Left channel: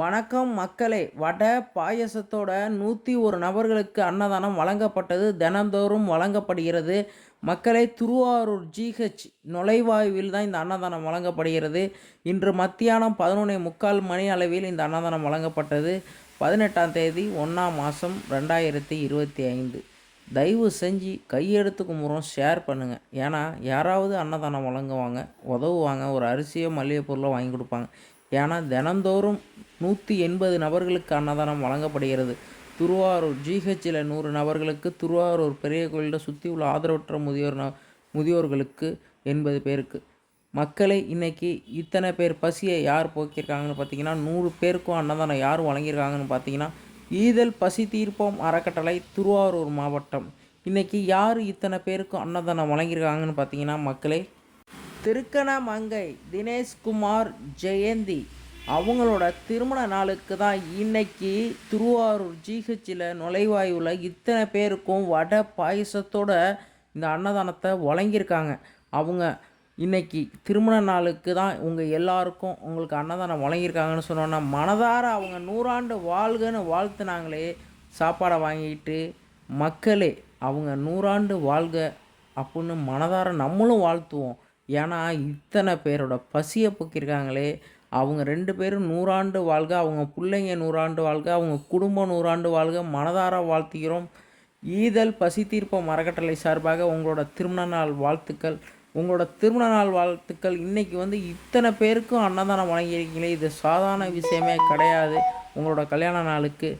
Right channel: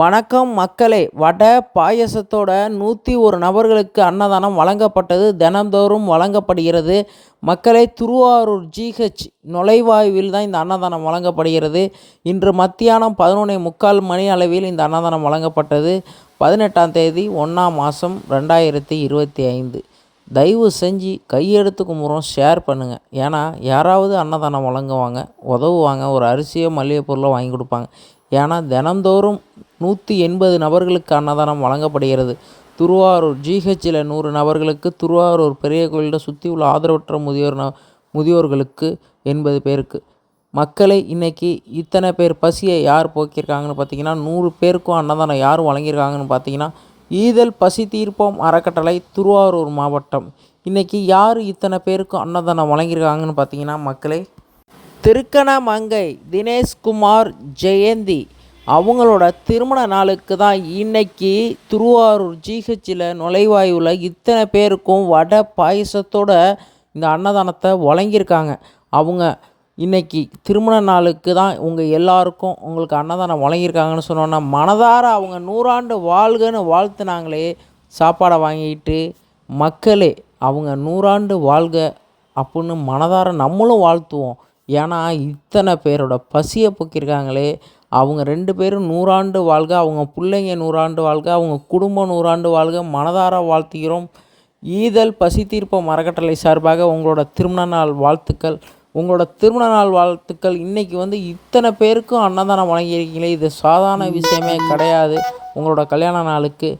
வணக்கம் மக்களே. வடை பாயசத்தோட நூற்றி ஒரு நபர்களுக்கு அன்னதானம் வழங்கப்பட்டது. தினந்தோறும் வழங்கப்படுகிறது. மக்களே திருவாரூர் ஜிஹெச் நுழைவாயுவில் தான் இந்த அன்னதானம் வழங்கப்படுகிறது. இன்று மத்தியானம் பதினொன்னே முக்கால் மணி அளவில் இந்த அன்னதானம் வழங்கப்பட்டது. பதினெட்டாம் தேதி ஒன்றாம் மாதம் ரெண்டாயிரத்தி இருபத்தி ஐந்து. தயவு செஞ்சு கையெடுத்து கும்புறோம் ஷேர் பண்ணுங்கள் ஏன்னா யாராவது அன்னதானம் வழங்குவாங்க உதவுவாங்க ஒரு அரிசியோ மளிகை பொருளோ வாங்கி கொடுப்பாங்க. ஏன்னா தினந்தோறும் நூற்றி எண்பது நபர்களுக்கு அன்னதானம் வழங்கப்படுகிறது. திருவாரூர் ஜிஹெச்சில் நூறு நபர்களுக்கு திருவாரூர் பெரிய கோயிலில் சுற்றி உள்ள ஆதரவற்ற முதியோர் ந முதியோர்களுக்கு எண்பது பேருக்கு. மக்களை இன்றைக்கி இத்தனை பேர் பசியை யார் போக்கியிருக்காங்கன்னு பார்த்தீங்கன்னா நூறு பேருக்கும் அன்னதானம் யார் வழங்கியிருக்காங்கன்னு பார்த்தீங்கன்னா ஈதல் பசி தீர்ப்போம் அறக்கட்டளை திருவாரூர் மாவட்டம். இன்றைக்கி யார் இத்தனை பேருக்கும் அன்னதானம் வழங்கியிருக்காங்கன்னு பார்த்தீங்கன்னா மக்களே திருக்கணமங்கை தினேஷ்குமார் ஜெயந்தி அவங்களோட திருமண நாளுக்கு தான் இன்னைக்கு திருவாரூர் ஜிஹெச்சில் நுழைவாயுவில் இத்தனை பேருக்கும் வடை பாயசத்தோட இந்த அன்னதானத்தை வழங்கியிருக்காங்க. அவங்க இன்னைக்கு திருமண நாளுக்கு தான் உங்கள் எல்லாருக்கும் உங்களுக்கு அன்னதானம் வழங்கியிருக்காங்கன்னு சொன்னோன்னா மனதார அவங்க நூறாண்டு வாழ்கன்னு வாழ்த்துனாங்களே சாப்பாடை வாங்கிட்டு மக்களே அவங்க நூறாண்டு வாழ்க அப்படின்னு மனதார நம்மளும் வாழ்த்துவோம். ஏன்னா இத்தனை பேரோட பசியை போக்கியிருக்காங்களே அவங்க ரெண்டு பேரும் நூறாண்டு வாழ்க அவங்க பிள்ளைங்க நூறாண்டு வாழ்க அவங்க குடும்பம் நூறாண்டு வாழ்க மனதார வாழ்த்துகிறோம். ஈதல் பசி தீர்ப்பம் அறக்கட்டளை சார்பாக உங்களோட திருமண நாள் வாழ்த்துக்கள். உங்களோட திருமண நாள் வாழ்த்துக்கள் இன்றைக்கி வந்து இத்தனை பேருக்கும் அன்னதானம் வழங்கியிருக்கீங்களே இது சாதாரண விஷயமே கிடையாது. உங்களோட கல்யாண நாளுக்கு